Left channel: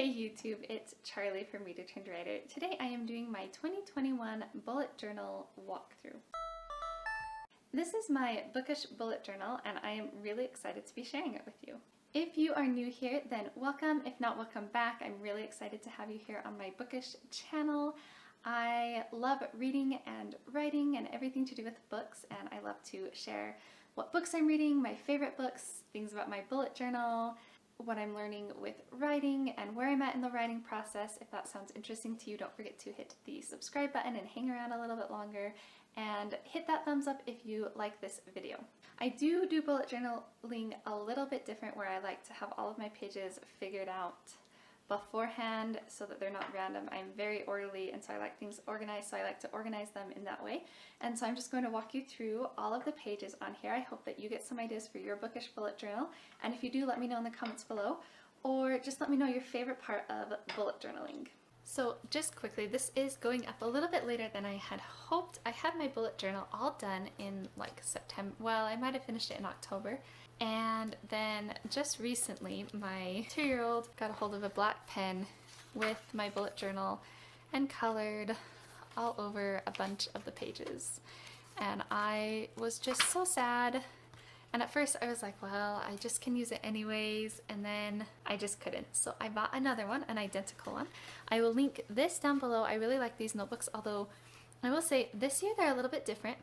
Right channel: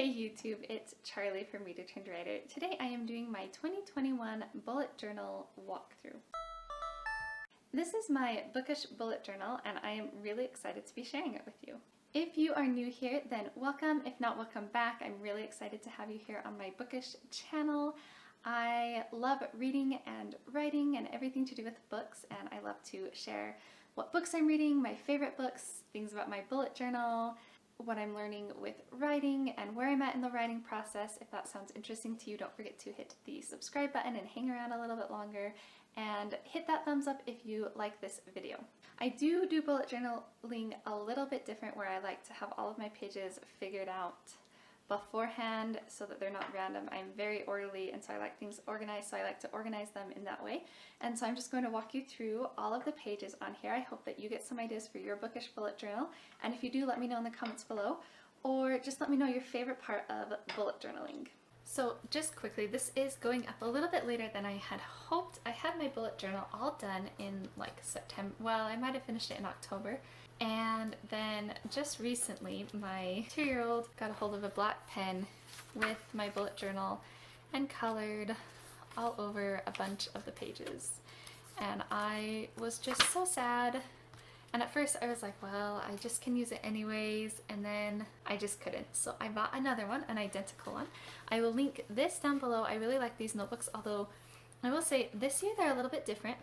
Hey YouTube, it's Charlie from Readathons Writer. Today I am doing my 2021 bullet journal walkthrough. This is my bookish bullet journal and I am really excited to be sharing it with you. If you are new here, then welcome. If not, welcome back. I'm really excited to have you here on my bookish channel. I love reading and writing and everything to do with books, and I love to share what books I'm reading, my favorite books, things about my bullet journal, what I'm learning with writing, and where I'm at in the writing process. If that sounds interesting to you, don't forget to hit the subscribe button and hang around a little bit longer, and hit that thumbs up if you like this video. I do bullet journaling a little bit different, where I like to have all of my pages figured out beforehand so that they're not random. I'm very orderly, and so I like things organized, so I like to organize them in that way. And so I'm just going to walk you through all of the pages on here. I hope that you get some ideas for your bookish bullet journal, and if you do, let me know in the comments below, or just let me know your favorite part of bullet journaling. So just quickly, this is going up a little bit later than I had hoped. I had my bullet journal all done in like September. Well, I might have finished it in October. And then just recently, my 2-year-old got a hold of a black pen with my bullet journal and colored all over a bunch of the pages. And I was just so sad. And at first I was like, well, I just can use it anyways, and then I just couldn't. So I bought another one, an identical one. I will link this down below. I really like these notebooks, although I will say this year they're a little bit different.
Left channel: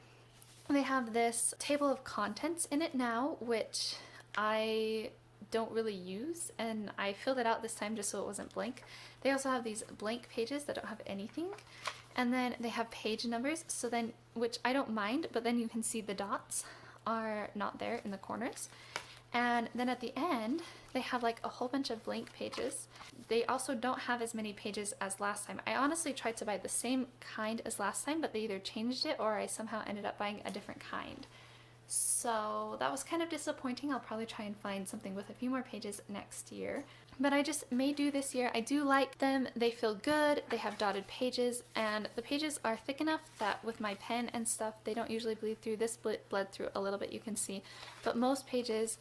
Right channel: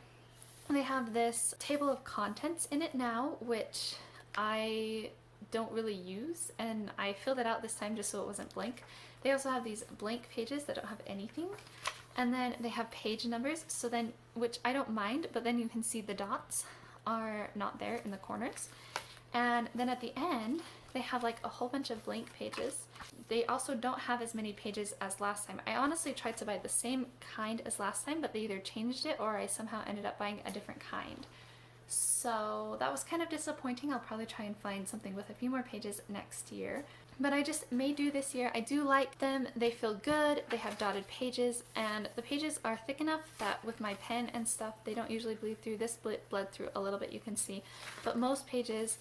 They have this table of contents in it now, which I don't really use, and I filled it out this time just so it wasn't blank. They also have these blank pages that don't have anything. And then they have page numbers, so then, which I don't mind, but then you can see the dots are not there in the corners. And then at the end they have like a whole bunch of blank pages. They also don't have as many pages as last time. I honestly tried to buy the same kind as last time, but they either changed it or I somehow ended up buying a different kind. So that was kind of disappointing. I'll probably try and find something with a few more pages next year. But I just may do this year. I do like them. They feel good. They have dotted pages, and the pages are thick enough that with my pen and stuff, they don't usually bleed through. This bled through a little bit, you can see. But most pages,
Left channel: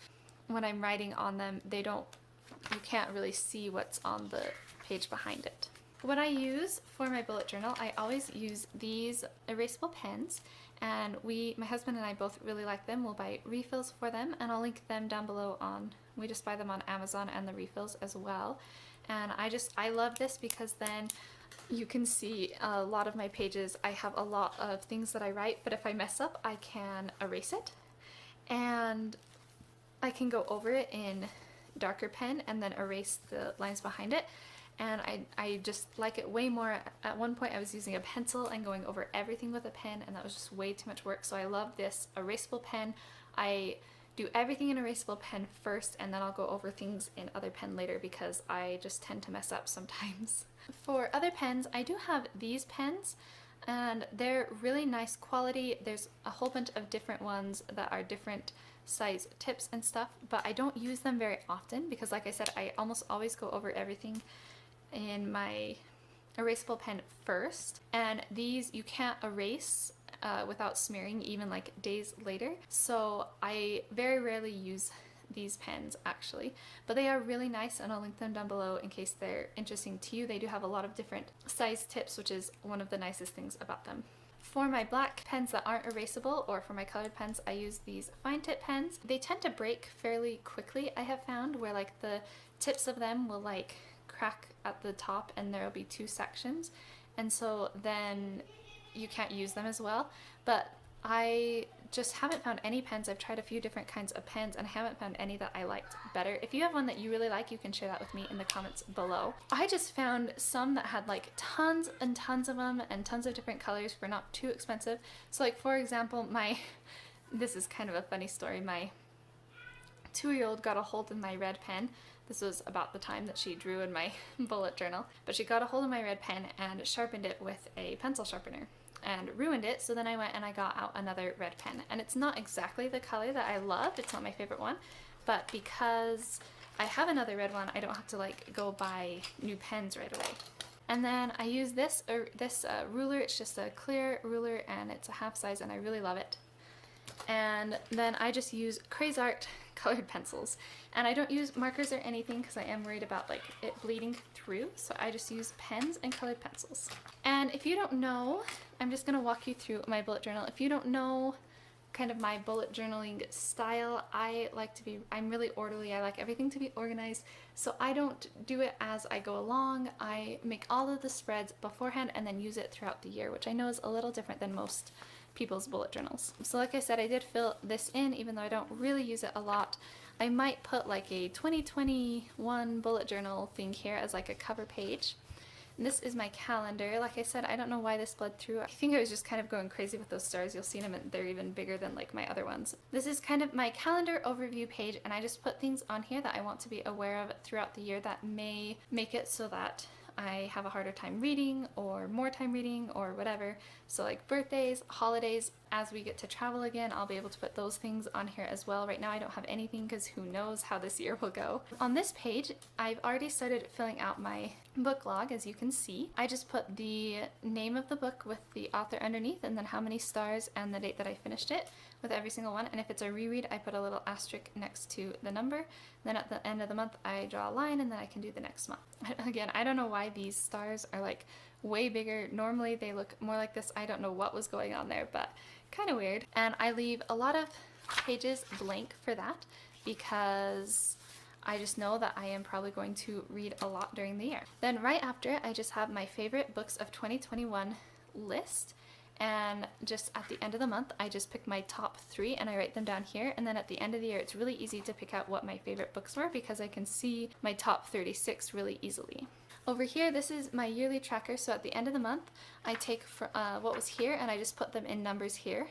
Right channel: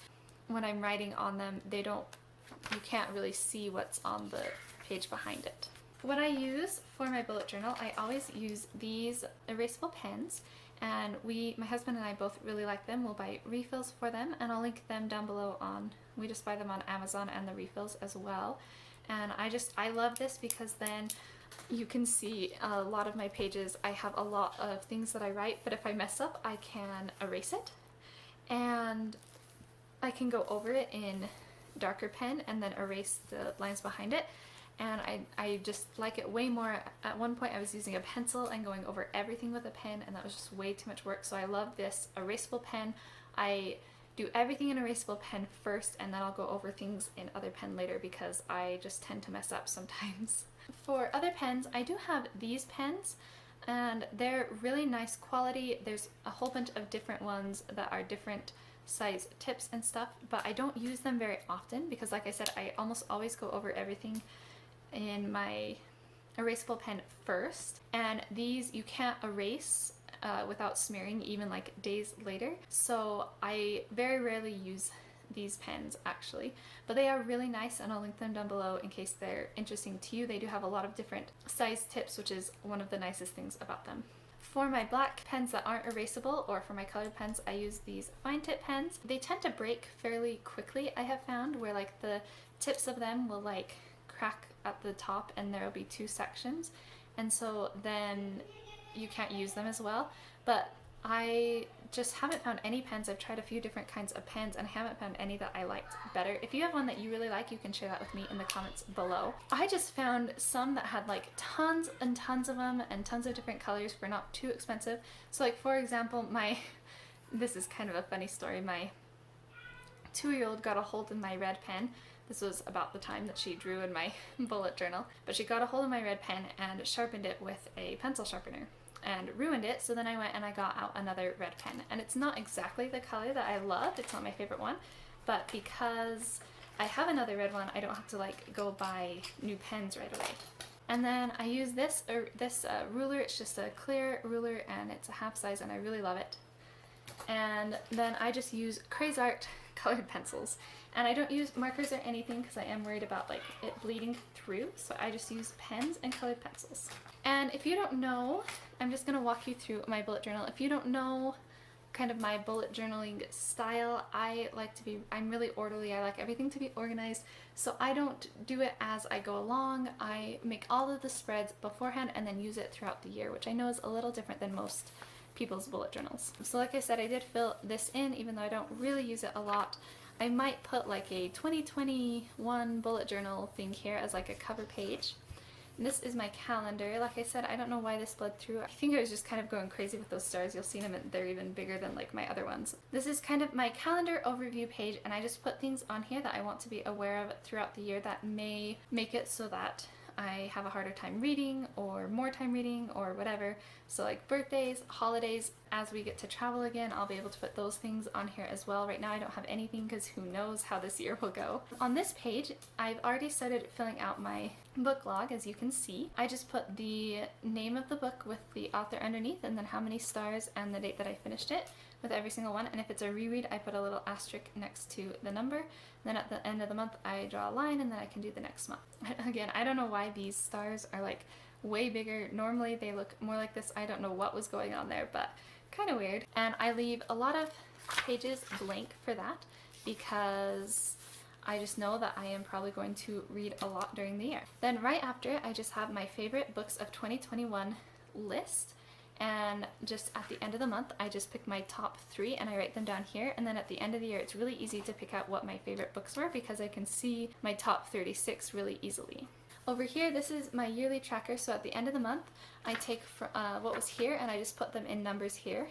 when I'm writing on them, you can't really see what's on the page behind it. What I use for my bullet journal, I always use these erasable pens, and my husband and I both really like them. We'll buy refills for them, and I'll link them down below we just buy them on Amazon, and the refills as well. And I love this because then you can see a lot of my pages. I have a lot of things that I write, but if I mess up, I can erase it, and I can go over it in darker pen and then erase the lines behind it. And I just like it way more. At one point I was using a pencil and going over everything with a pen, and that was just way too much work. So I love this erasable pen. I do everything in erasable pen first, and then I'll go over things in other pen later because I just tend to mess up sometimes. For other pens, I do have these pens, and they're really nice quality. There's a whole bunch of different ones that are different size tips and stuff, but I don't use them very often because, like I said, I almost always go over everything in my erasable pen first, and these you can't erase without smearing, even like days later. So I very rarely use these pens actually, but they are really nice, and I'll link them down below in case they're interesting to you. They do have a lot of different size tips, which is one of the nicest things about them. For my black pens that aren't erasable, or for my colored pens, I use these fine tip pens. They tend to break fairly quickly, I have found, where like the tips of them will like crack at the top and there'll be 2 sections, and so then you can't use them as well. But I just haven't found any pens. I've tried a few different kinds of pens and I haven't found any that I liked better. If you have one that you really like, you can share that with me in the comments below. I just found some that had like tons and tons of them and tons of different colors for not too expensive. So like, for example, this is kind of a funny story. My 2-year-old got a hold of my red pen. This was about the time that she drew in my bullet journal, but she got a hold of my red pen and sharpened it with a pencil sharpener and ruined it. So then I went and I got out another red pen, and it's not exactly the color that I love. It's not my favorite one, but because I have another red one, I don't have to like go buy new pens right away. And then I use this ruler. It's just a clear ruler and it's a half size, and I really love it. And then I just use Crazy Art colored pencils. And I don't use markers or anything because I am worried about like it bleeding through, so I just use pens and colored pencils. And if you don't know, I'm just going to walk you through my bullet journal. If you don't know kind of my bullet journaling style, I'm really orderly. I like everything to be organized, so I don't do it as I go along. I make all of the spreads beforehand and then use it throughout the year, which I know is a little different than most people's bullet journals. So like I said, I did fill this in even though I don't really use it a lot. I might put like a 2021 bullet journal thing here as like a cover page. And this is my calendar. Like I said, I don't know why this bled through. I think I was just kind of going crazy with those stars. You'll see them, and they're even bigger than like my other ones. This is kind of my calendar overview page, and I just put things on here that I want to be aware of throughout the year that may make it so that I have a harder time reading or more time reading or whatever. So like birthdays, holidays, as we get to travel again, I'll be able to put those things on here as well. Right now I don't have anything because who knows how this year will go. On this page, I've already started filling out my book log, as you can see. I just put the name of the book with the author underneath, and then how many stars and the date that I finished it with every single one. And if it's a reread, I put a little asterisk next to the number. Then at the end of the month, I draw a line, and then I can do the next month. Again, I don't know why these stars are like way bigger. Normally they look more like this. I don't know what was going on there, but kind of weird. And I leave a lot of pages blank for that because I just know that I am probably going to read a lot during the year. Then right after it, I just have my favorite books of 2021 list. And just at the end of the month, I just pick my top 3 and I write them down here. And then at the end of the year, it's really easy to pick out what my favorite books were because I can see my top 36 really easily. Over here, this is my yearly tracker. So at the end of the month, I take what was here and I just put them in numbers here.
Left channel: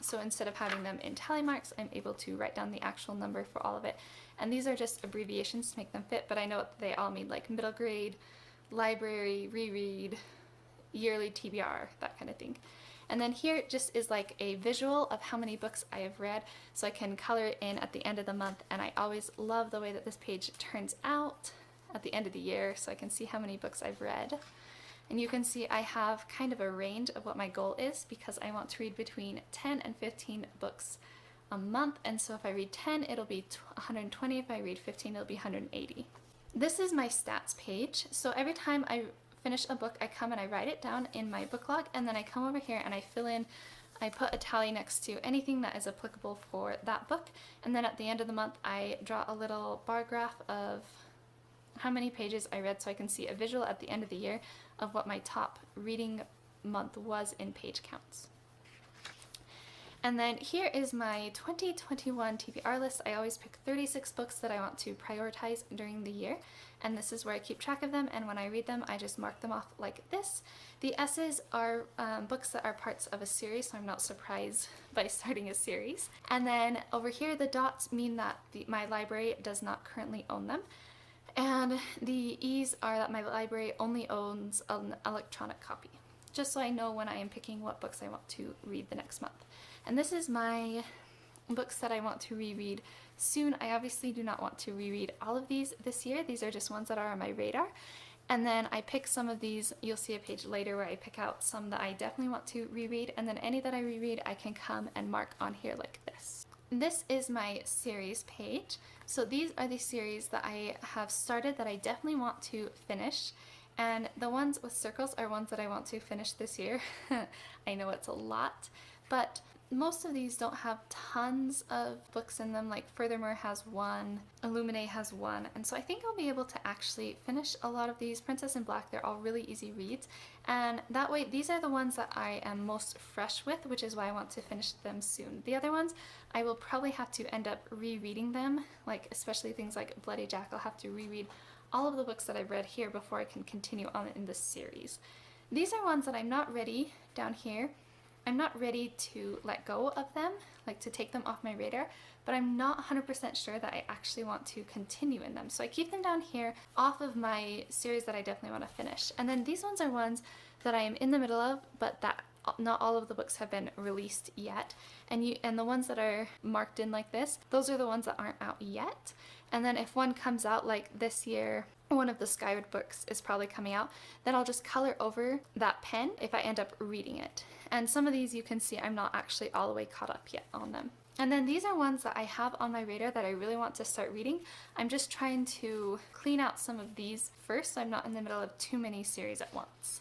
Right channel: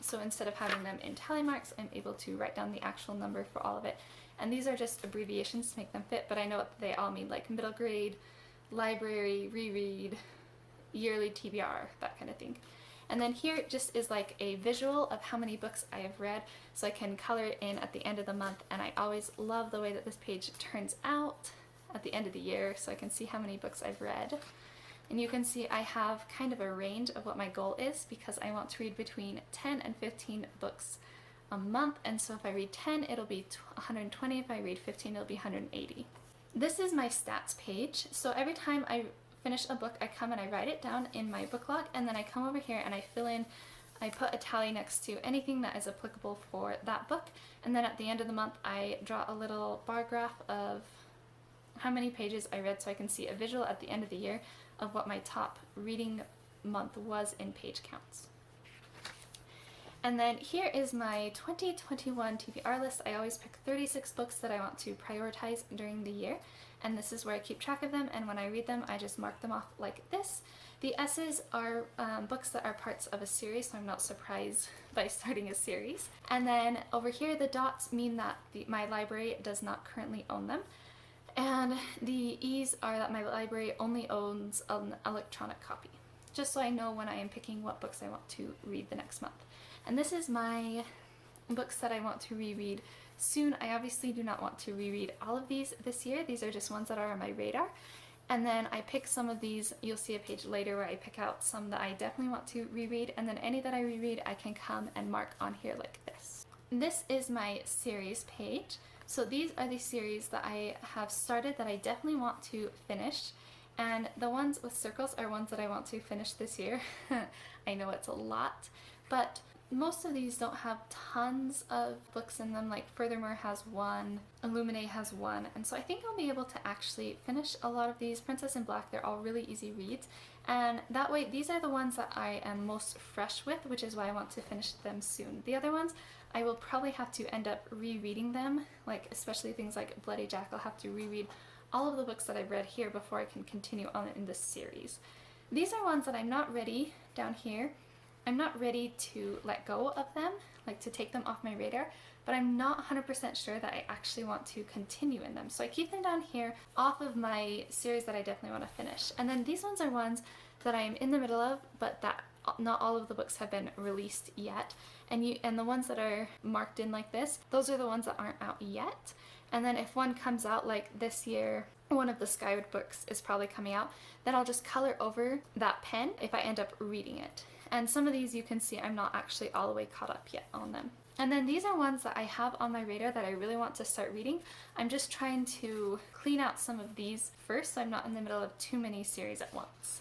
So instead of having them in tally marks, I'm able to write down the actual number for all of it. And these are just abbreviations to make them fit, but I know what they all mean, like middle grade, library, reread, yearly TBR, that kind of thing. And then here just is like a visual of how many books I have read, so I can color it in at the end of the month. And I always love the way that this page turns out at the end of the year, so I can see how many books I've read. And you can see I have kind of a range of what my goal is because I want to read between 10 and 15 books a month. And so if I read 10, it'll be 120. If I read 15, it'll be 180. This is my stats page. So every time I finish a book, I come and I write it down in my book log, and then I come over here and I fill in, I put a tally next to anything that is applicable for that book. And then at the end of the month, I draw a little bar graph of how many pages I read so I can see a visual at the end of the year of what my top reading month was in page counts. And then here is my 2021 TBR list. I always pick 36 books that I want to prioritize during the year, and this is where I keep track of them, and when I read them I just mark them off like this. The S's are books that are parts of a series, so I'm not surprised by starting a series. And then over here the dots mean that my library does not currently own them. And the E's are that my library only owns an electronic copy, just so I know when I am picking what books I want to read the next month. And this is my books that I want to reread soon. I obviously do not want to reread all of these this year. These are just ones that are on my radar. And then I pick some of these, you'll see a page later where I pick out some that I definitely want to reread, and then any that I reread I can come and mark on here like this. This is my series page. So these are the series that I have started that I definitely want to finish, and the ones with circles are ones that I want to finish this year. I know it's a lot, but most of these don't have tons of books in them. Like Furthermore has one, Illuminate has one, and so I think I'll be able to actually finish a lot of these. Princess in Black, they're all really easy reads, and that way these are the ones that I am most fresh with, which is why I want to finish them soon. The other ones, I will probably have to end up rereading them, like especially things like Bloody Jack. I'll have to reread all of the books that I've read here before I can continue on in this series. These are ones that I'm not ready down here. I'm not ready to let go of them, like to take them off my radar, but I'm not 100% sure that I actually want to continue in them. So I keep them down here off of my series that I definitely want to finish. And then these ones are ones that I am in the middle of, but that not all of the books have been released yet. And the ones that are marked in like this, those are the ones that aren't out yet. And then if one comes out, like this year, one of the Skyward books is probably coming out, then I'll just color over that pen if I end up reading it. And some of these you can see I'm not actually all the way caught up yet on them. And then these are ones that I have on my radar that I really want to start reading. I'm just trying to clean out some of these first so I'm not in the middle of too many series at once.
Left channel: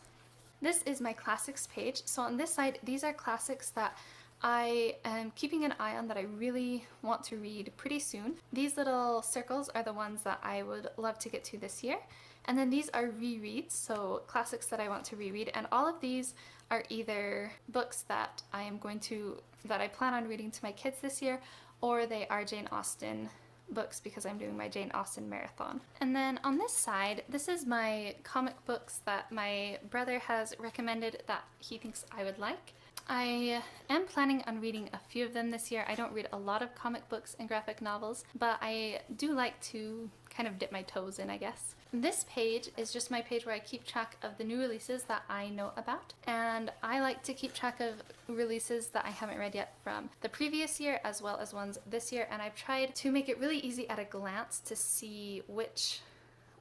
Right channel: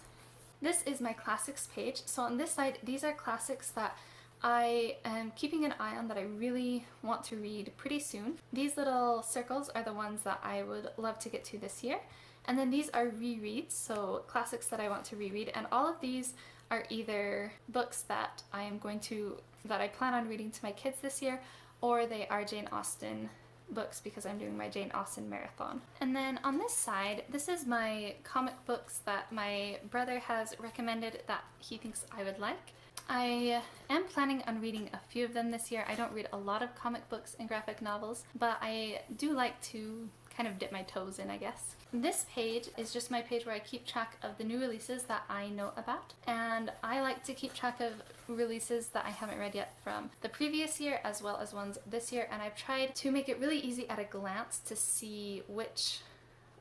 This is my classics page. So on this side, these are classics that I am keeping an eye on that I really want to read pretty soon. These little circles are the ones that I would love to get to this year. And then these are rereads, so classics that I want to reread. And all of these are either books that I plan on reading to my kids this year, or they are Jane Austen books because I'm doing my Jane Austen marathon. And then on this side, this is my comic books that my brother has recommended that he thinks I would like. I am planning on reading a few of them this year. I don't read a lot of comic books and graphic novels, but I do like to kind of dip my toes in, I guess. This page is just my page where I keep track of the new releases that I know about, and I like to keep track of releases that I haven't read yet from the previous year as well as ones this year, and I've tried to make it really easy at a glance to see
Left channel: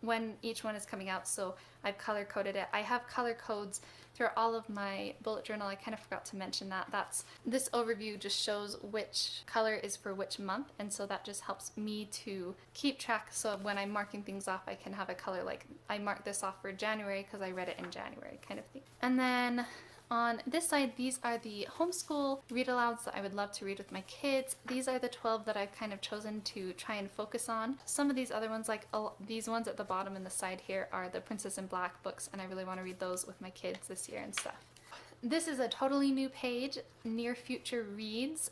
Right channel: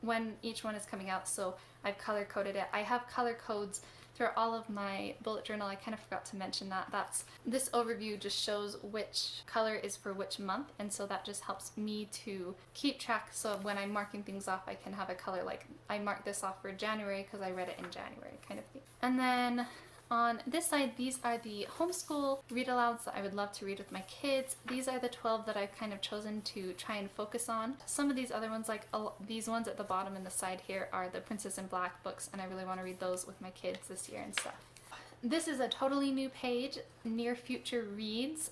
when each one is coming out, so I've color coded it. I have color codes through all of my bullet journal. I kind of forgot to mention that. This overview just shows which color is for which month, and so that just helps me to keep track, so when I'm marking things off I can have a color like I marked this off for January because I read it in January kind of thing. And then on this side, these are the homeschool read-alouds that I would love to read with my kids. These are the 12 that I've kind of chosen to try and focus on. Some of these other ones, like these ones at the bottom and the side here, are the Princess in Black books, and I really want to read those with my kids this year and stuff. This is a totally new page, Near Future Reads.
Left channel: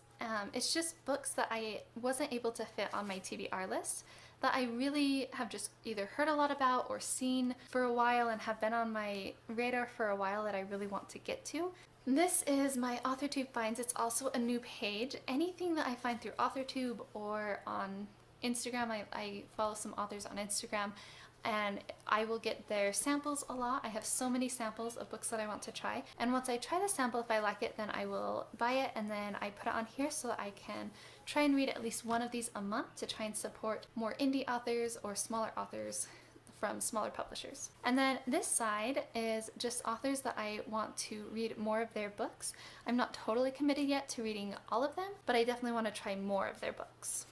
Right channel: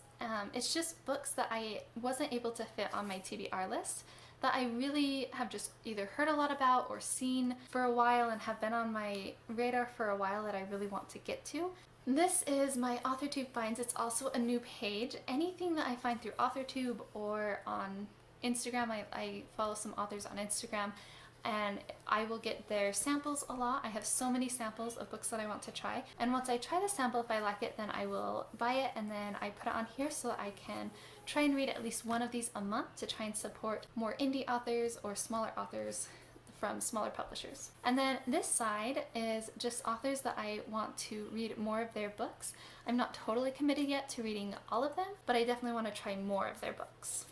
It's just books that I wasn't able to fit on my TBR list, that I really have just either heard a lot about or seen for a while and have been on my radar for a while that I really want to get to. This is my AuthorTube finds. It's also a new page. Anything that I find through AuthorTube or on Instagram, I follow some authors on Instagram, and I will get their samples a lot. I have so many samples of books that I want to try, and once I try the sample, if I like it, then I will buy it, and then I put it on here so I can try and read at least one of these a month to try and support more indie authors or smaller authors from smaller publishers. And then this side is just authors that I want to read more of their books. I'm not totally committed yet to reading all of them, but I definitely want to try more of their books.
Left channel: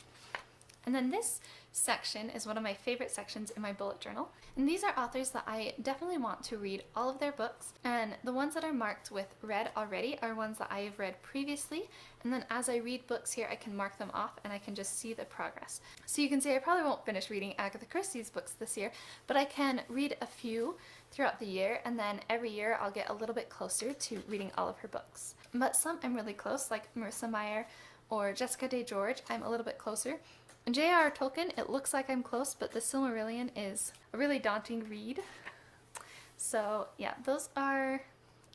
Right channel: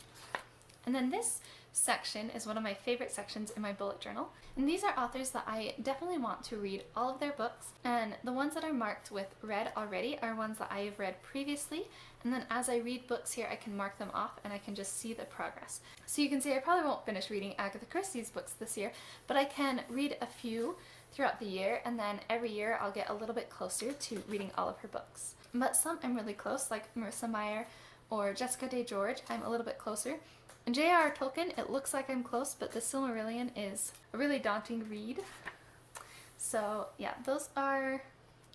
And then this section is one of my favorite sections in my bullet journal, and these are authors that I definitely want to read all of their books, and the ones that are marked with read already are ones that I've read previously, and then as I read books here I can mark them off and I can just see the progress. So you can see I probably won't finish reading Agatha Christie's books this year, but I can read a few throughout the year, and then every year I'll get a little bit closer to reading all of her books. But some I'm really close, like Marissa Meyer or Jessica Day George, I'm a little bit closer. And J.R.R. Tolkien, it looks like I'm close, but the Silmarillion is a really daunting read. So yeah, those are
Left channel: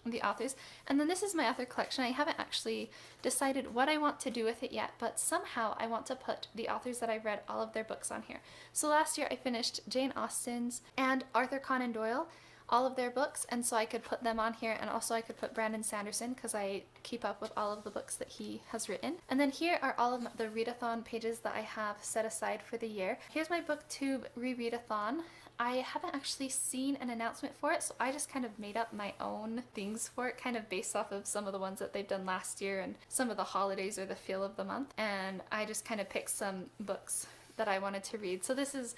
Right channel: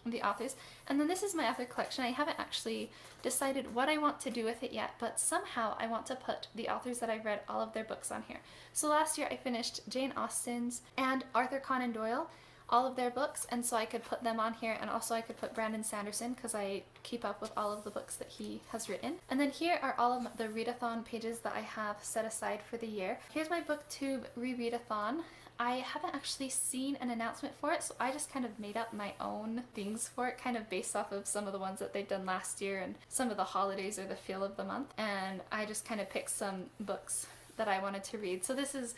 the authors. And then this is my author collection. I haven't actually decided what I want to do with it yet, but somehow I want to put the authors that I've read all of their books on here. So last year I finished Jane Austen's and Arthur Conan Doyle, all of their books, and so I could put them on here, and also I could put Brandon Sanderson because I keep up with all of the books that he has written. And then here are all of the readathon pages that I have set aside for the year. Here's my booktube readathon. I haven't actually seen an announcement for it, so I just kind of made up my own things for it, kind of based off of some of the ones that they've done last year and some of the holidays or the feel of the month, and I just kind of picked some books that I wanted to read. So this is,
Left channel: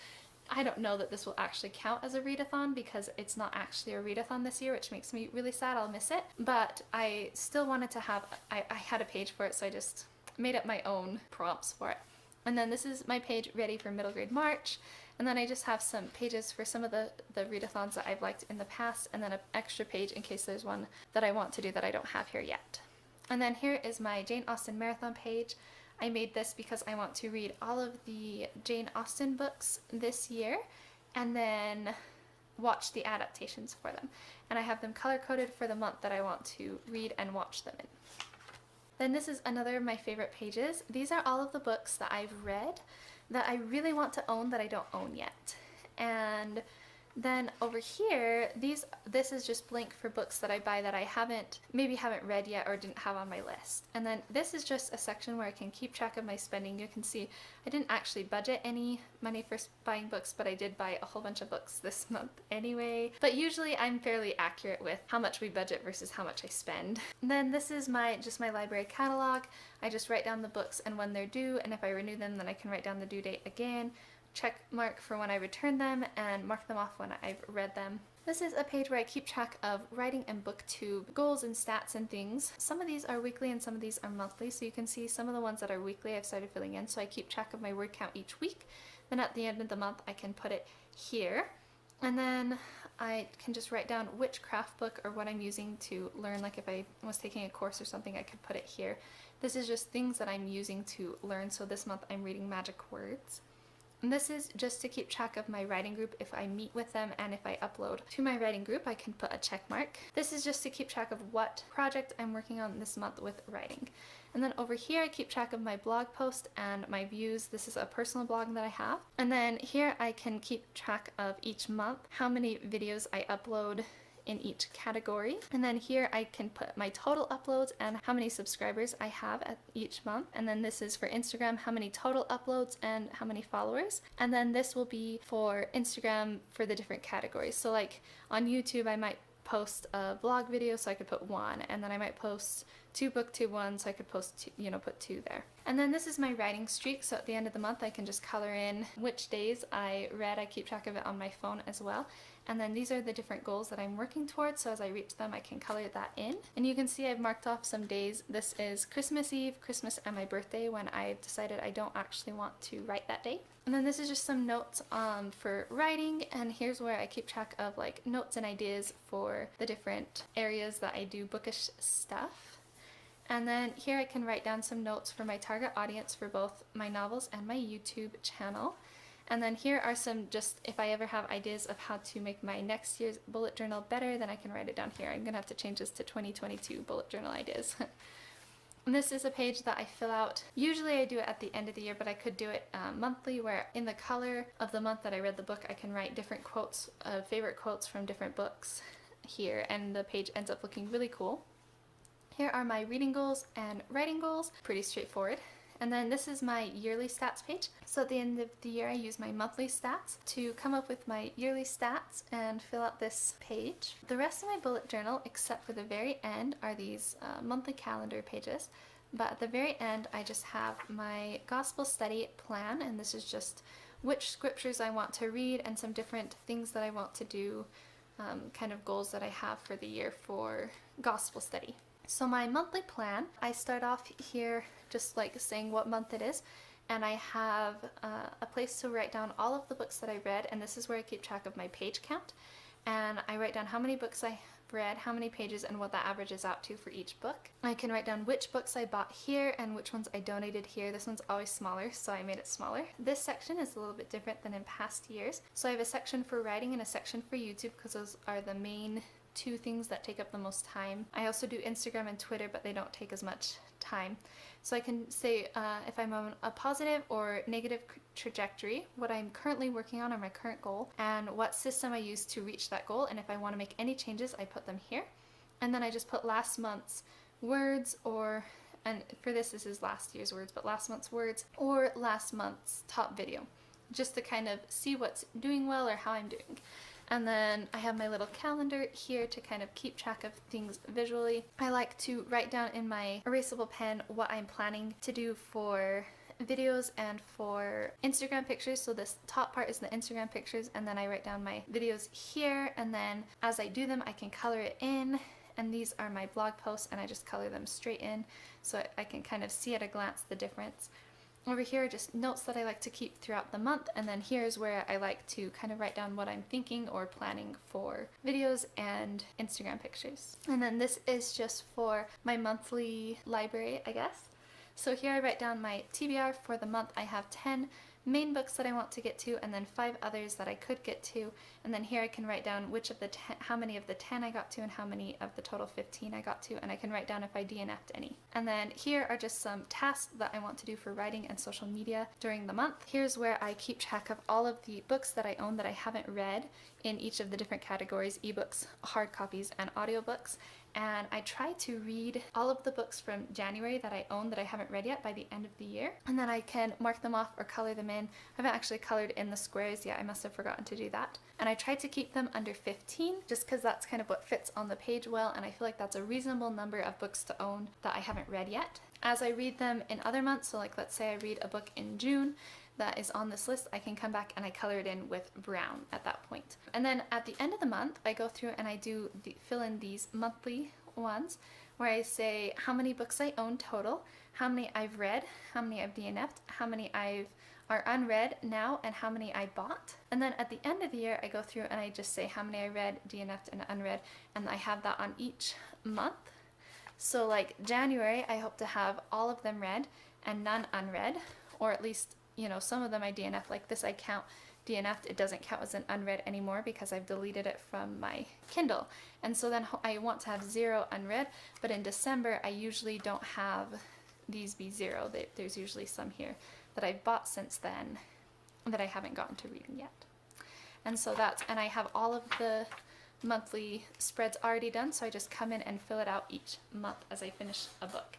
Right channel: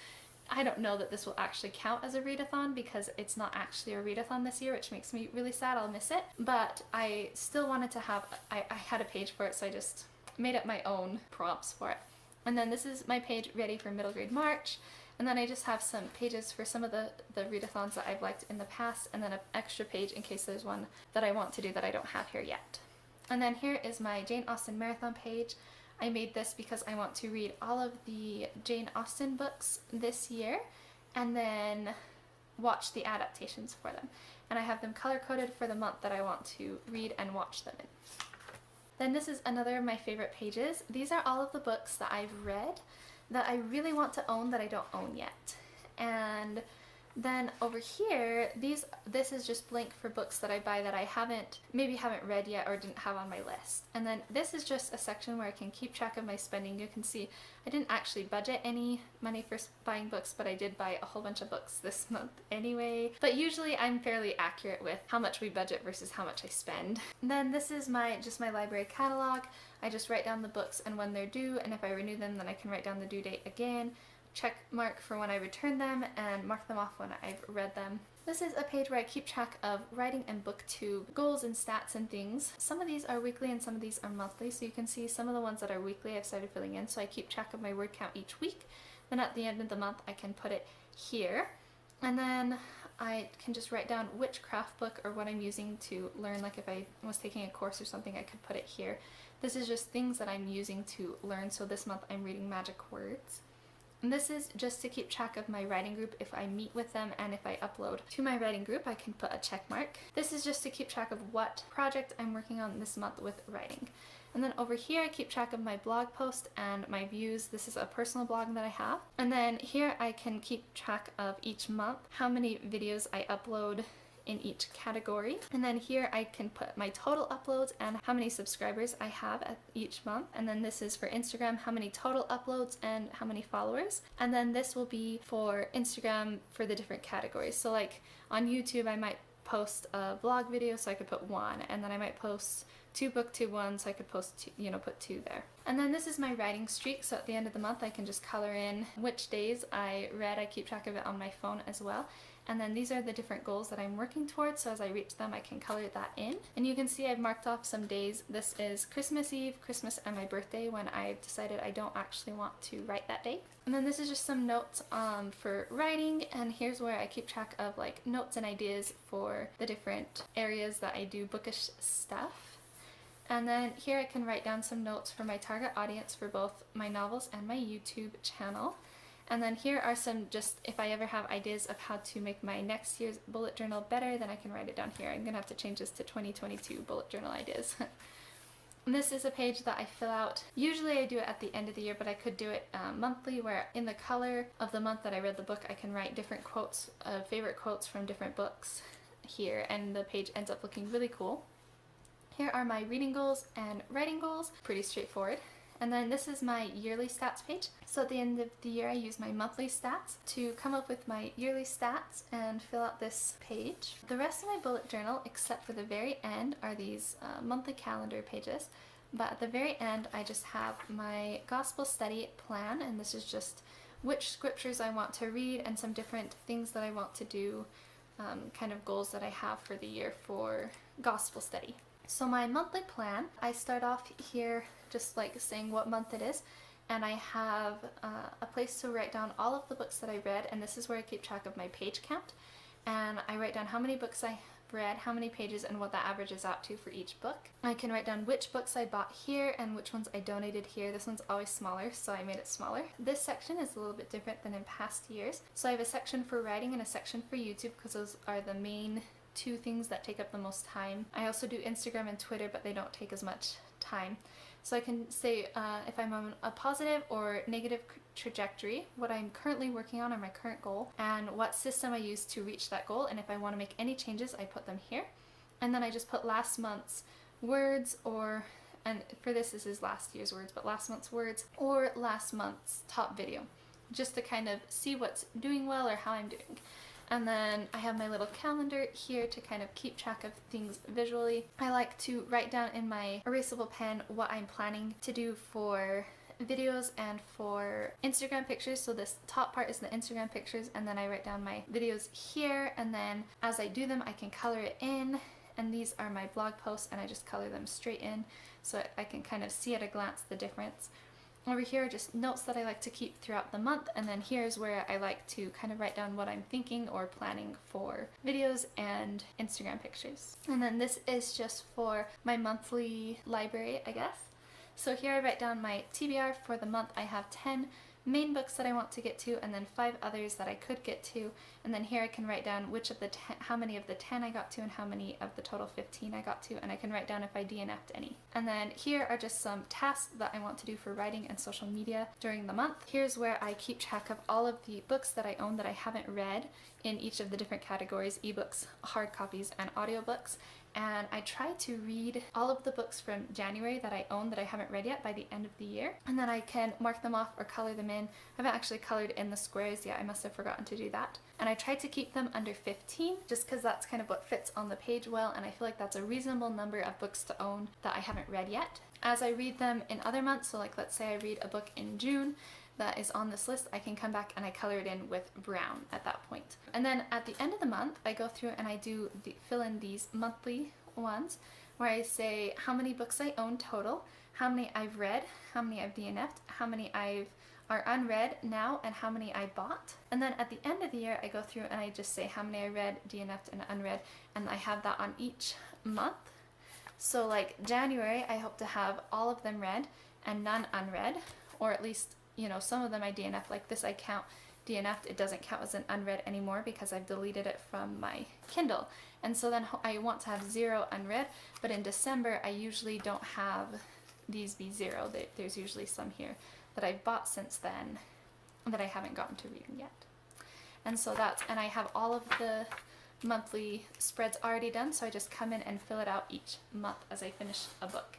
I don't know that this will actually count as a readathon because it's not actually a readathon this year, which makes me really sad. I'll miss it. But I still wanted to have, I had a page for it, so I just made up my own prompts for it. And then this is my page ready for middle grade March. And then I just have some pages for some of the readathons that I've liked in the past, and then an extra page in case there's one that I want to do that I don't have here yet. And then here is my Jane Austen marathon page. I made this because I want to read all of the Jane Austen books this year and then watch the adaptations for them. And I have them color-coded for the month that I want to read and watch them in. Then this is another of my favorite pages. These are all of the books that I've read that I really want to own that I don't own yet. And Then over here, this is just blank for books that I buy that I maybe haven't read yet or didn't have on my list. And then this is just a section where I can keep track of my spending. You can see I didn't actually budget any money for buying books, but I did buy a whole bunch of books this month anyway. But usually I'm fairly accurate with how much we budget versus how much I spend. And then this is just my library catalog. I just write down the books and when they're due, and if I renew them, then I can write down the due date again, check mark for when I return them, and mark them off when I've read them. This is a page where I keep track of writing and booktube goals and stats and things. Some of these are weekly and some of these are monthly, so you can see some of the ones that are weekly I've started filling in, so I keep track of my word count each week. Then at the end of the month I can put it here, and then I can just write down which craft book or what I'm using to learn, like if I was taking a course or something I could put it here. This is just things that I'm using to learn, so this month I'm reading magic words. And this is just to keep track of my writing group if I meet with them, and if I upload to my writing group I can put a check mark. This is just to keep track of what project I'm working on this month with writing. And then over here I keep track of my blog post and my views. This is a personal blog that I have. And then here I can keep track of each month, how many videos I upload in each category. And then here I can put my total uploads and how many subscribers I have at each month. And then this is for Instagram, how many total uploads and how many followers. And then this will be for Instagram for the different categories. So like on YouTube I might post a vlog video, so I could put 1, and then I might post 2 booktube ones, so I could post 2, put 2 there. And then this is my writing streak, so at the end of the month I can just color in which days I read. I keep track of it on my phone as well. And then these are the different goals that I'm working towards, so as I reach them I can color that in. And you can see I've marked off some days. This is Christmas Eve, Christmas, and my birthday, when I've decided I don't actually want to write that day. And then this is just some notes for writing, and here's where I keep track of like notes and ideas for the different areas that I do bookish stuff. And then here I can write down some notes for my target audience for both my novels and my YouTube channel. And then here are some, just if I ever have ideas of how to make my next year's bullet journal better, then I can write it down here. I'm going to have to change this to 2022 bullet journal ideas. And this is a page that I fill out. Usually I do it at the end of the year, but I could do it monthly, where in the color of the month that I read the book I can write different quotes, favorite quotes from different books here, and the page ends up looking really cool. Here are my reading goals and writing goals, pretty straightforward. And then this is my yearly stats page. So at the end of the year I use my monthly stats to come up with my yearly stats and fill out this page. The rest of my bullet journal, except for the very end, are these monthly calendar pages. But at the very end I just have my gospel study plan, and this is just which scriptures I want to read and some different things that I want to do, kind of goals that I have for the year for gospel study. So my monthly plan, I start off here just like saying what month it is, and I have a place to write down all of the books that I read, and this is where I keep track of my page count, and I write down how many books I read, how many pages, and what that averages out to for each book. I can write down which books I bought here and which ones I donated here. This one's always smaller, so I made it smaller. This section is a little bit different than in past years. So I have a section for writing and a section for YouTube, because those are the main 2 things that take up the most time. I also do Instagram and Twitter, but they don't take as much time. So I can say if I'm on a positive or negative trajectory, what I'm currently working on or my current goal, and what system I use to reach that goal, and if I want to make any changes I put them here. And then I just put last month's words, and for this is last year's words, but last month's words or last month's top video, just to kind of see what's doing well or how I'm doing. And then I have my little calendar here to kind of keep track of things visually. I like to write down in my erasable pen what I'm planning to do for videos and for Instagram pictures. So this top part is the Instagram pictures, and then I write down my videos here, and then as I do them I can color it in. And these are my blog posts, and I just color them straight in so I can kind of see at a glance the difference. Over here are just notes that I like to keep throughout the month, and then here's where I like to kind of write down what I'm thinking or planning for videos and Instagram pictures. And then this is just for my monthly library, I guess. So here I write down my TBR for the month. I have 10 main books that I want to get to, and then 5 others that I could get to. And then here I can write down how many of the 10 I got to and how many of the total 15 I got to, and I can write down if I DNF'd any. And then here are just some tasks that I want to do for writing and social media during the month. Here's where I keep track of all of the books that I own that I haven't read in each of the different categories: ebooks, hard copies, and audiobooks. And I try to read all of the books from January that I own that I haven't read yet by the end of the year. And then I can mark them off or color them in. I haven't actually colored in the squares yet. I must have forgotten to do that. And I try to keep them under 15 just because that's kind of what fits on the page well, and I feel like that's a reasonable number of books to own that I haven't read yet. As I read them in other months, so like let's say I read a book in June that is on this list, I can come back and I color it in with brown at that point. And then at the end of the month, I go through and I do fill in these monthly ones where I say how many books I own total, how many I've read, how many I've DNF'd, how many are unread now, and how many I bought. And then at the end of the year, I go through and I just say how many I read, DNF'd, and unread, and I have that on each month. So like January, I hope to have all of them read and none unread, or at least, you know, some of them I DNF, like this I count DNF'd, it doesn't count as an unread anymore because I've deleted it from my Kindle. And so then I want to have 0 unread, but in December I usually don't have these be 0. There's usually some here that I've bought since then that I haven't gotten to reading yet. And so and I have all of the monthly spreads already done, so I just come in and fill it out each month as I finish a book.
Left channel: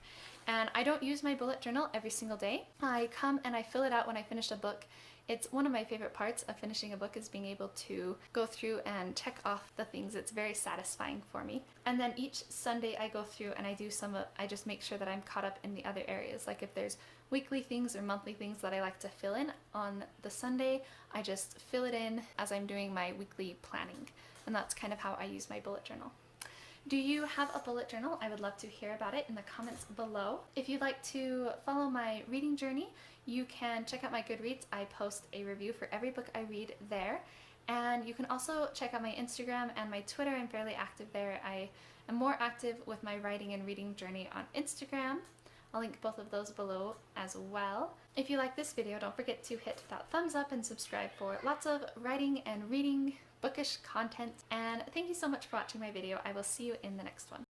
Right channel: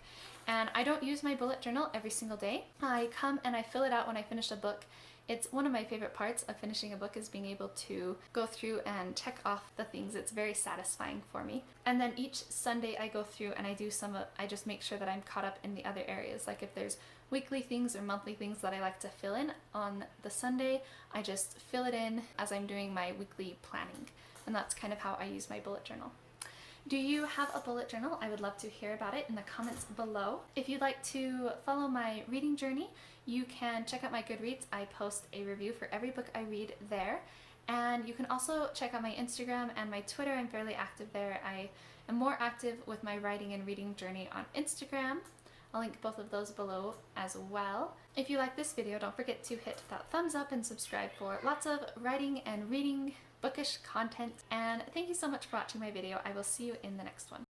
And I don't use my bullet journal every single day. I come and I fill it out when I finish a book. It's one of my favorite parts of finishing a book, is being able to go through and check off the things. It's very satisfying for me. And then each Sunday I go through and I do I just make sure that I'm caught up in the other areas. Like if there's weekly things or monthly things that I like to fill in on the Sunday, I just fill it in as I'm doing my weekly planning. And that's kind of how I use my bullet journal. Do you have a bullet journal? I would love to hear about it in the comments below. If you'd like to follow my reading journey, you can check out my Goodreads. I post a review for every book I read there. And you can also check out my Instagram and my Twitter. I'm fairly active there. I am more active with my writing and reading journey on Instagram. I'll link both of those below as well. If you like this video, don't forget to hit that thumbs up and subscribe for lots of writing and reading bookish content. And thank you so much for watching my video. I will see you in the next one.